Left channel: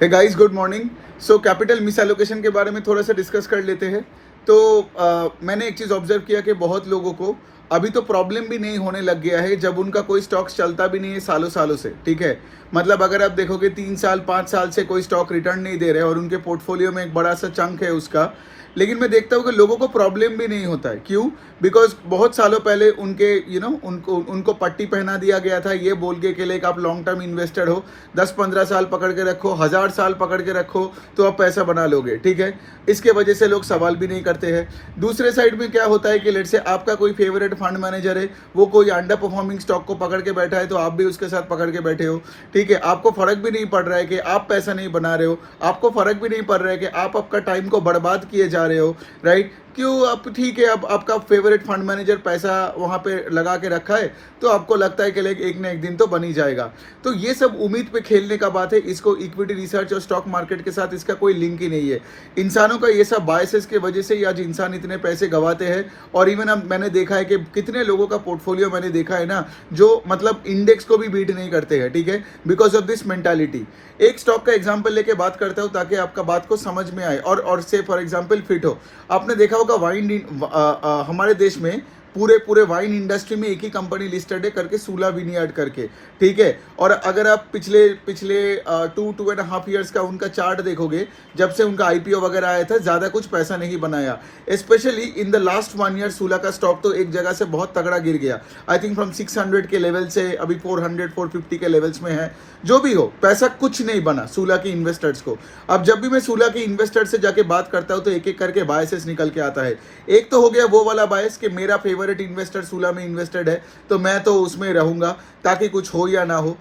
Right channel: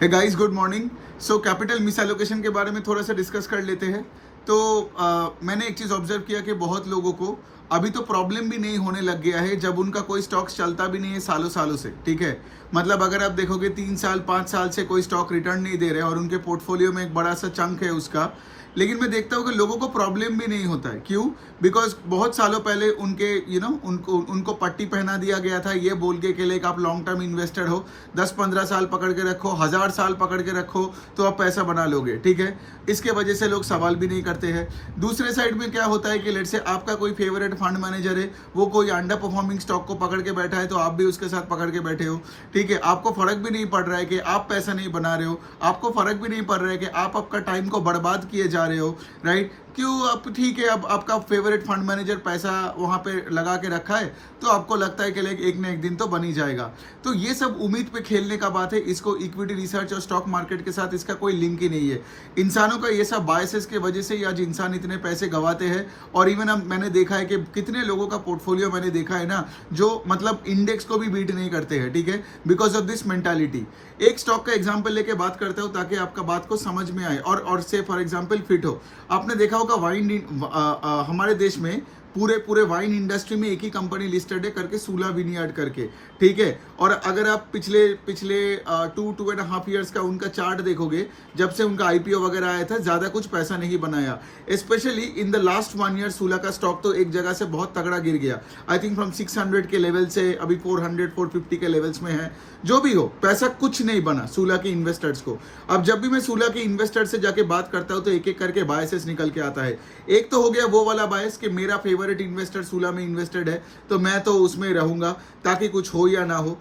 हे guys, good morning. So capital misallocation के बारे में थोड़ा सा डिस्कस कर लेते हैं। तो मैंने एक चीज़ ऑब्जर्व किया कि बहुत लोगों को अभी तो प्रॉब्लम भी नहीं होने लग गया है जब उनका कोई स्टॉक चलता भी नहीं है सालों सालों से। ठीक है, मतलब अगर आप देखोगे 3 साल 5 साल से कोई स्टॉक रिटर्न नहीं दे रहे और उनके पोर्टफोलियो में एक बड़ा सा चंक है उसका, लेकिन मैं देखता हूँ कि लोगों को प्रॉब्लम भी नहीं होता है। क्यों? बिकॉज बहुत सालों पहले उनके उनको उनको पट्टी पहना दिया गया था ये बोल के लाइक आप लॉन्ग टर्म इन्वेस्टर हो, 10-15 साल पकड़ के रखो, 1000 साल पकड़ के रखो तो आप पैसा बना लोगे। ठीक है, इसके वजह से लोग सवाल भी नहीं करते हैं। दूसरे साइड में क्या होता है कि लेट से आपका कोई फेवरेट फंड मैनेजर है, वो कोई अंडर परफॉर्मिंग स्टॉक को पकड़ के बैठा है तो आप भी उसके साथ पकड़ के बैठे हो। ठीक है, आपको फर्क भी नहीं पड़ रहा है कि आप पैसा नहीं बना रहे हो, आपको फर्क भी नहीं पड़ रहा है कि आप आपका टाइम को बर्बाद किए जा रहे हो। राइट? क्यों? अब ठीक है, अब आपका फेवरेट फंड मैनेजर पैसा वहां पे लगा के रखा है तो आपको लगता है कि एक ना एक दिन तो बन ही जाएगा। तो ये सब उम्मीद पे खेलने का बात है। इसको इक्विटी रिसर्च और स्टॉक मार्केट के साथ इसका कोई लिंक ही नहीं है। इंसानों का ये सब बायसेस की वजह से ही आज इंसान इतने पैसे गवाते हैं। और इवन अब मैंने देखा है कि कितने लोगों का पोर्टफोलियो मैंने देखा है ना, जो मतलब इंडेक्स को भी बीट नहीं करते हैं। ठीक है, बिकॉज ऑफ दिस मेंटालिटी। एक स्टॉक का एग्जांपल लेके बात करता हूं ताकि आपका बात को समझ में आए और से फॉर एग्जांपल फिट हो। आपने देखा होगा हमारे देश में पूरे वाइन इंडस्ट्री में एक ही कंपनी लिस्टेड है करके, सूला विनियार्ड करके। ठीक है, और अगर आप पिछले 2.5 ईयर्स का उनका चार्ट देखोगे, जब से उनका आईपीओ वगैरह आया था, ज्यादा कुछ पैसा नहीं बनाया। Specially in the last 1 year Sula का स्टॉक तो एक जगह से बहुत तगड़ा गिर गया। आई थिंक फ्रॉम 600 के लेवल से अभी 400-450 के लेवल्स में है। जो भी हो, पैसा कुछ नहीं बना सूला के इन्वेस्टर्स को। अब जब भी मैं सूला के इन्वेस्टर से जाके बात करता हूं तो एक एक करके बायसेस निकल के आता है। एक तो हो गया वो वाला बायस कि मेरा फेवरेट इन्वेस्टर सूला में इन्वेस्टेड है तो मैं तो उसमें रहूंगा ताकि कुछ हो या ना हो।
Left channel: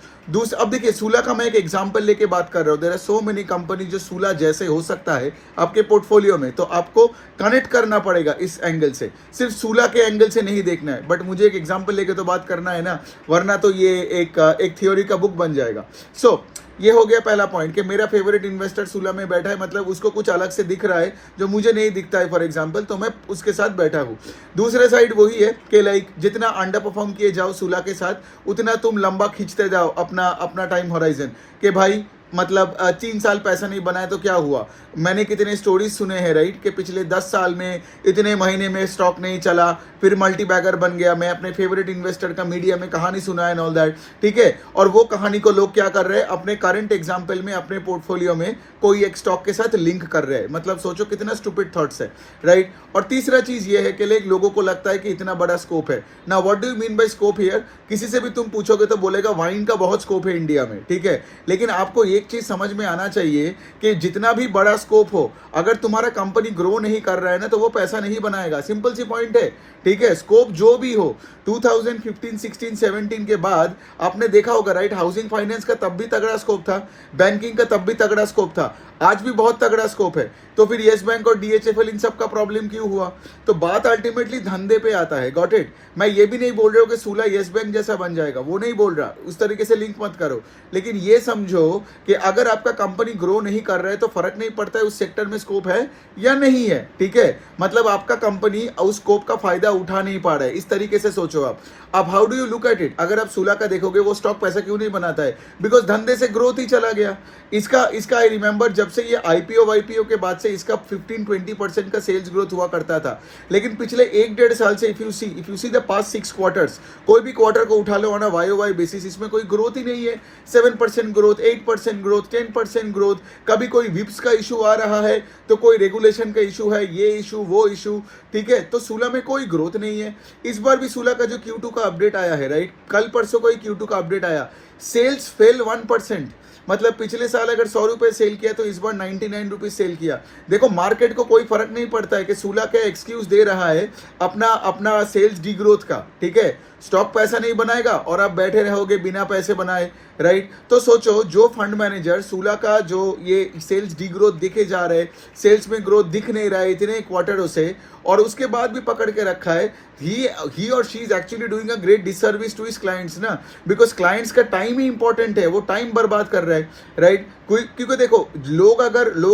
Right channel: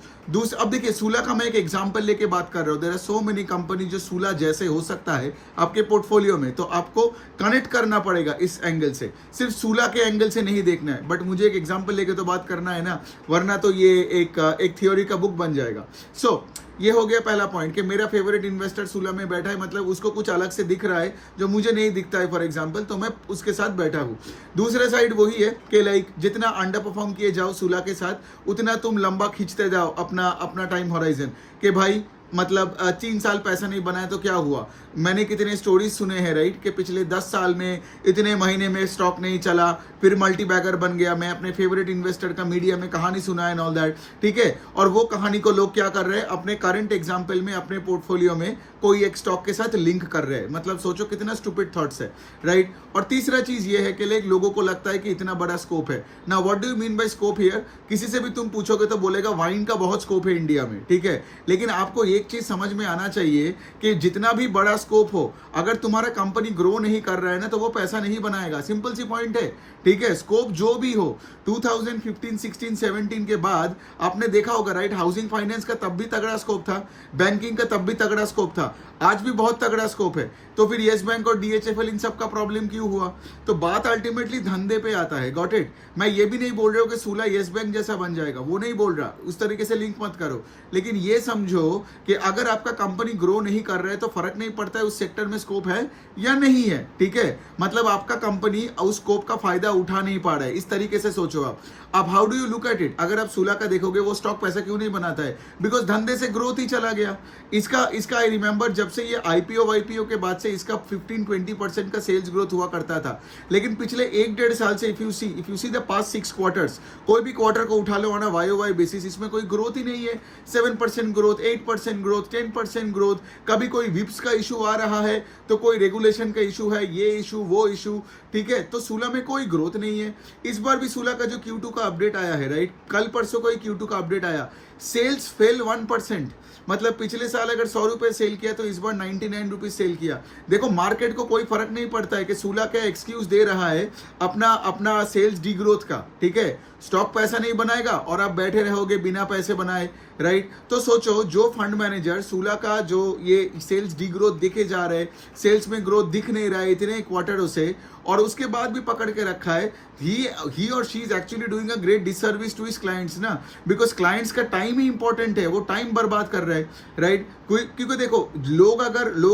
अब देखिए, सूला का मैं एक एग्जांपल लेके बात कर रहा हूं। There are so many company जो सूला जैसे हो सकता है आपके पोर्टफोलियो में, तो आपको कनेक्ट करना पड़ेगा इस एंगल से, सिर्फ सूला के एंगल से नहीं देखना है। बट मुझे एक एग्जांपल लेके तो बात करना है ना, वरना तो ये एक थ्योरी का बुक बन जाएगा। सो ये हो गया पहला पॉइंट कि मेरा फेवरेट इन्वेस्टर सूला में बैठा है, मतलब उसको कुछ अलग से दिख रहा है जो मुझे नहीं दिखता है फॉर एग्जांपल, तो मैं उसके साथ बैठा हूं। दूसरे साइड वही है कि जितना अंडर परफॉर्म किए जाओ सूला के साथ, उतना तुम लंबा खींचते जाओ अपना टाइम होराइजन कि भाई मतलब 3 साल पैसा नहीं बनाया तो क्या हुआ। मैंने कितने स्टोरीज सुने हैं राइट कि पिछले 10 साल में इतने महीने में स्टॉक नहीं चला, फिर मल्टी बैगर बन गया। मैं अपने फेवरेट इन्वेस्टर का मीडिया में कहानी सुना है, ऑल दैट। ठीक है, और वो कहानी को लोग क्या कर रहे हैं, अपने करंट एग्जाम्पल में अपने पोर्टफोलियो में कोई एक स्टॉक के साथ लिंक कर रहे हैं। मतलब सोचो कितना स्टूपिड थॉट्स है, राइट। और तीसरा चीज ये है कि लोगों को लगता है कि इतना बड़ा स्कोप है ना। What do you mean by scope here? किसी से भी तुम पूछोगे तो बोलेगा वाइन का बहुत स्कोप है इंडिया में। ठीक है, लेकिन आपको एक चीज समझ में आना चाहिए कि जितना भी बड़ा स्कोप हो, अगर तुम्हारा कंपनी ग्रो नहीं कर रहा है ना तो वो पैसा नहीं बनाएगा। सिंपल सी पॉइंट है। ठीक है, स्कोप जो भी हो, 2015, 16, 17 के बाद आपने देखा होगा राइट, हाउसिंग फाइनेंस का तब भी तगड़ा स्कोप था, बैंकिंग का तब भी तगड़ा स्कोप था, आज भी बहुत तगड़ा स्कोप है। तो फिर येस बैंक और डीएचएफएल इन सब का प्रॉब्लम क्यों हुआ? तो बात अल्टीमेटली धंधे पे आता है। Got it? मैं ये भी नहीं बोल रहा हूँ कि सूला येस बैंक जैसा बन जाएगा, वो नहीं बोल रहा, उस तरीके से लिंक मत करो। लेकिन ये समझो कि अगर आपका कंपनी ग्रो नहीं कर रहा है तो फर्क नहीं पड़ता है उस सेक्टर में स्कोप है या नहीं है। ठीक है, मतलब आपका कंपनी उस स्कोप का फायदा उठा नहीं पा रहा है। इस तरीके से सोचो आप। अब how do you look at it? अगर आप सूला का देखोगे, वो स्टॉक पैसा क्यों नहीं बनाता है? बिकॉज धंधे से ग्रोथ ही चला गया। इसका आई रिमेंबर जब से ये आईपीओ के बाद से इसका 15-20% का सेल्स ग्रोथ हुआ करता था। लेकिन पिछले 1-1.5 साल से if you see the past 6 quarters, कोई भी क्वार्टर को उठा लो ऑन अ वाई बेसिस, इसमें कोई ग्रोथ ही नहीं है। 7% ग्रोथ, 8% ग्रोथ, 10% ग्रोथ। कभी कोई विप्स का इशू आ रहा है तो कोई रेगुलेशन का इशू है, ये इशू वो इशू। ठीक है, तो सूला में कोई ग्रोथ नहीं है। इस बार भी सूला का जो Q2 का अपडेट आया है राइट, कल परसों को ही Q2 का अपडेट आया, सेल्स फेल 1%। मतलब पिछले साल अगर 100 रुपए सेल किया तो इस बार 99 रुपीज सेल किया। देखो, मार्केट को कोई फर्क नहीं पड़ता है कि सूला क्या एक्सक्यूज दे रहा है अपना सेल्स डी ग्रोथ का। ठीक है, स्टॉक पैसा नहीं बनाएगा और आप बैठे रहोगे बिना पैसे बनाए, राइट। तो सोचो, जो फंड मैनेजर सूला का जो ये सेल्स डी ग्रोथ दिखे जा रहे, सेल्स में ग्रोथ दिख नहीं रहा है इतने क्वार्टरों से, और उसके बाद भी पकड़ के रखा है, ही और she is actually doing a great disservice to his clients ना। बिकॉज क्लाइंट्स का टाइम टाइम ही इंपॉर्टेंट है, वो टाइम बर्बाद कर रहा है, राइट? क्योंकि देखो, लोग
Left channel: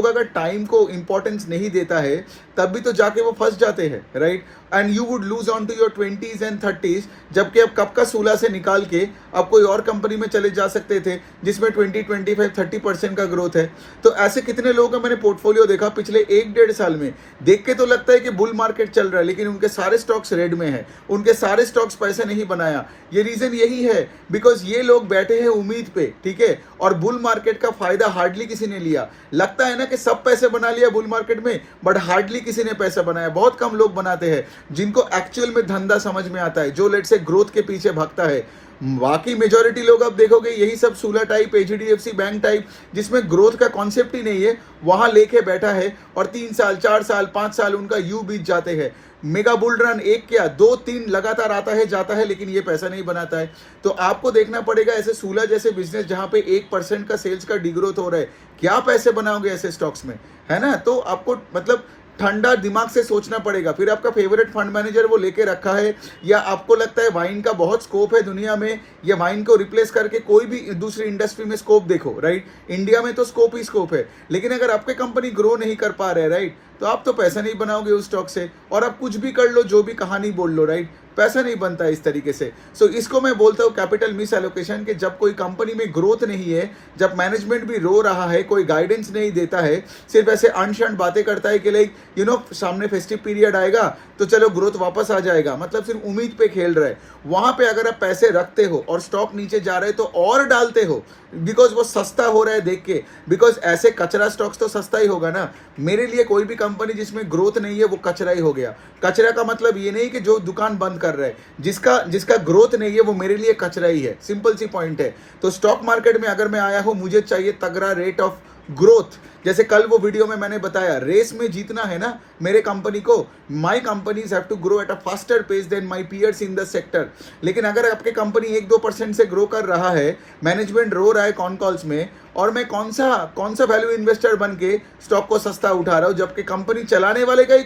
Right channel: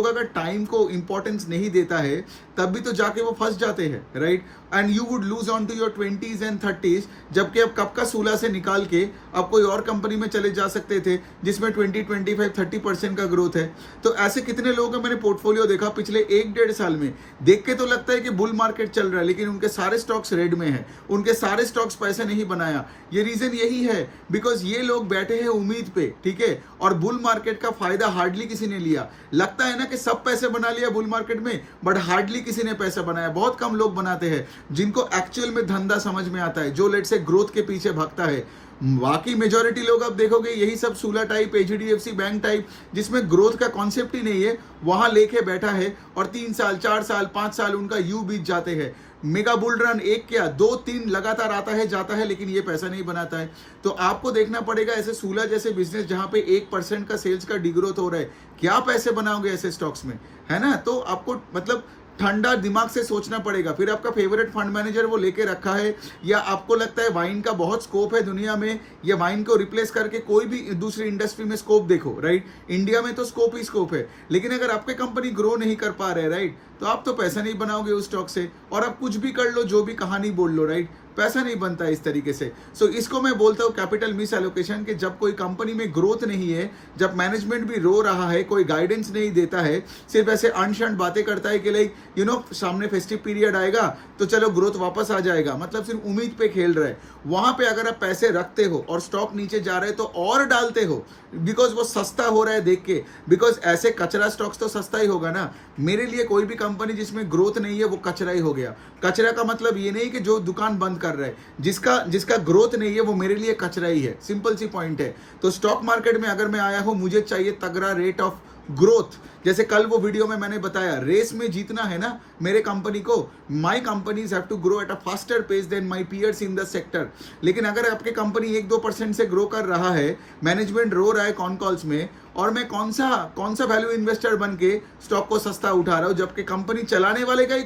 अगर टाइम को इंपॉर्टेंस नहीं देता है तब भी तो जाके वो फंस जाते हैं, right? And you would lose on to your 20s and 30s, जबकि अब कब का सूला से निकाल के आप कोई और कंपनी में चले जा सकते थे जिसमें 20, 25, 30% का ग्रोथ है। तो ऐसे कितने लोग हैं, मैंने पोर्टफोलियो देखा पिछले 1-1.5 साल में, देख के तो लगता है कि बुल मार्केट चल रहा है, लेकिन उनके सारे स्टॉक्स रेड में है, उनके सारे स्टॉक्स पैसे नहीं बनाया। ये रीजन यही है, बिकॉज ये लोग बैठे हैं उम्मीद पे, ठीक है? और बुल मार्केट का फायदा हार्डली किसी ने लिया। लगता है ना कि सब पैसे बना लिया बुल मार्केट में, बट हार्डली किसी ने पैसा बनाया। बहुत कम लोग बनाते हैं जिनको एक्चुअल में धंधा समझ में आता है, जो लेट से ग्रोथ के पीछे भागता है। बाकी मेजोरिटी लोग आप देखोगे यही सब सूला टाइप, एचडीएफसी बैंक टाइप, जिसमें ग्रोथ का कॉन्सेप्ट ही नहीं है, वहां लेके बैठा है और 3 साल 4 साल 5 साल उनका यू बीत जाते हैं। मेगा बुल रन एक क्या 2-3 लगातार आता है जाता है, लेकिन ये पैसा नहीं बनाता है। तो आपको देखना पड़ेगा ऐसे सूला जैसे बिजनेस जहां पे 1% का सेल्स का डिग्रोथ हो रहा है, क्या पैसे बनाओगे ऐसे स्टॉक्स में, है ना? तो आपको मतलब ठंडा दिमाग से सोचना पड़ेगा। फिर आपका फेवरेट फंड मैनेजर वो लेके रखा है, या आपको लगता है वाइन का बहुत स्कोप है दुनिया में, या वाइन को रिप्लेस करके कोई भी दूसरी इंडस्ट्री में स्कोप देखो, राइट? इंडिया में तो स्कोप ही स्कोप है, लेकिन अगर आपकी कंपनी ग्रो नहीं कर पा रहे, राइट, तो आप तो पैसा नहीं बनाओगे उस स्टॉक से। और आप कुछ भी कर लो, जो भी कहानी बोल लो, राइट, पैसा नहीं बनता इस तरीके से। सो इसको मैं बोलता हूँ कैपिटल मिस एलोकेशन, कि जब कोई कंपनी में ग्रोथ नहीं है, जब मैनेजमेंट भी रो रहा है, कोई गाइडेंस नहीं देता है, सिर्फ ऐसे अनशंट बातें करता है कि लाइक सामने फेस्टिव पीरियड आएगा तो चलो ग्रोथ वापस आ जाएगा, मतलब सिर्फ उम्मीद पे खेल रहे। वहां पे अगर आप पैसे रखते हो और स्टॉक नीचे जा रहे तो और डालते हो, बिकॉज वो सस्ता हो रहा है देख के, बिकॉज ऐसे कचरा स्टॉक्स तो सस्ता ही होगा ना। मेरे लिए कोई भी कंपनी जिसमें ग्रोथ नहीं है वो कचरा ही हो गया। कचरा का मतलब ये नहीं कि जो दुकान बंद कर रहा है, जिसका ग्रोथ नहीं है वो मेरे लिए कचरा ही है। सिंपल सी पॉइंट है। तो स्टॉक मार्केट में अगर मैं आया हूं, मुझे चाहिए तगड़ा रेट ऑफ ग्रोथ। जैसे कल वो वीडियो में मैंने बताया, रेस में जीतना है ना मेरे कंपनी को, my companies have to grow at a faster pace than my peers in the sector. लेकिन अगर आपके कंपनी 1-2% से ग्रो कर रहा है, मैनेजमेंट रो रहा है कॉन कॉल्स में, और मैं कौन सा वैल्यू इन्वेस्टर बन के स्टॉक को सस्ता उठा रहा हूं, जबकि कंपनी चलाने वाले का ही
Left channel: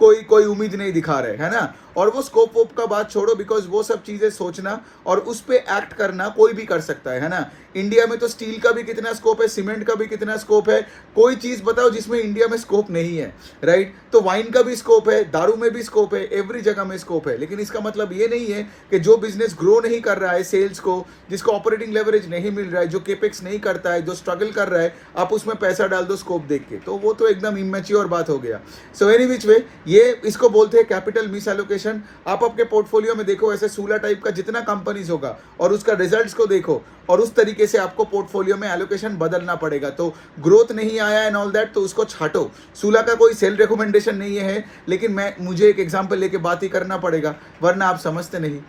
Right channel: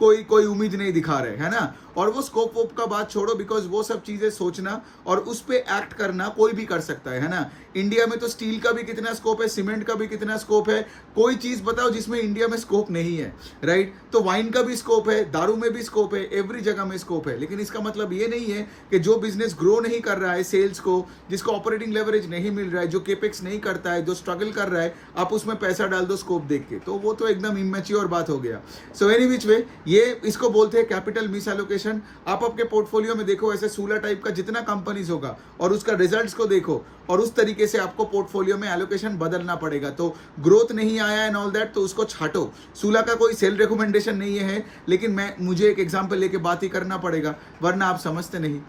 कोई उम्मीद नहीं दिखा रहे, है ना? और वो स्कोप वोप का बात छोड़ो, बिकॉज वो सब चीजें सोचना और उस पे एक्ट करना कोई भी कर सकता है ना? इंडिया में तो स्टील का भी कितना स्कोप है, सीमेंट का भी कितना स्कोप है, कोई चीज बताओ जिसमें इंडिया में स्कोप नहीं है, राइट? तो वाइन का भी स्कोप है, दारू में भी स्कोप है, एवरी जगह में स्कोप है। लेकिन इसका मतलब ये नहीं है कि जो बिजनेस ग्रो नहीं कर रहा है सेल्स को, जिसको ऑपरेटिंग लेवरेज नहीं मिल रहा है, जो केपेक्स नहीं करता है, जो स्ट्रगल कर रहा है, आप उसमें पैसा डाल दो स्कोप देख के, तो वो तो एकदम इमेच्योर बात हो गया। सो एनी विच वे, ये इसको बोलते हैं कैपिटल मिस एलोकेशन। आप आपके पोर्टफोलियो में देखो ऐसे सूला टाइप का जितना कंपनीज होगा और उसका रिजल्ट्स को देखो, और उस तरीके से आपको पोर्टफोलियो में एलोकेशन बदलना पड़ेगा। तो ग्रोथ नहीं आया एंड ऑल दैट, तो उसको छाटो। सूला का कोई सेल रिकमेंडेशन नहीं है, लेकिन मुझे एक एग्जांपल लेके बात ही करना पड़ेगा, वरना आप समझते नहीं।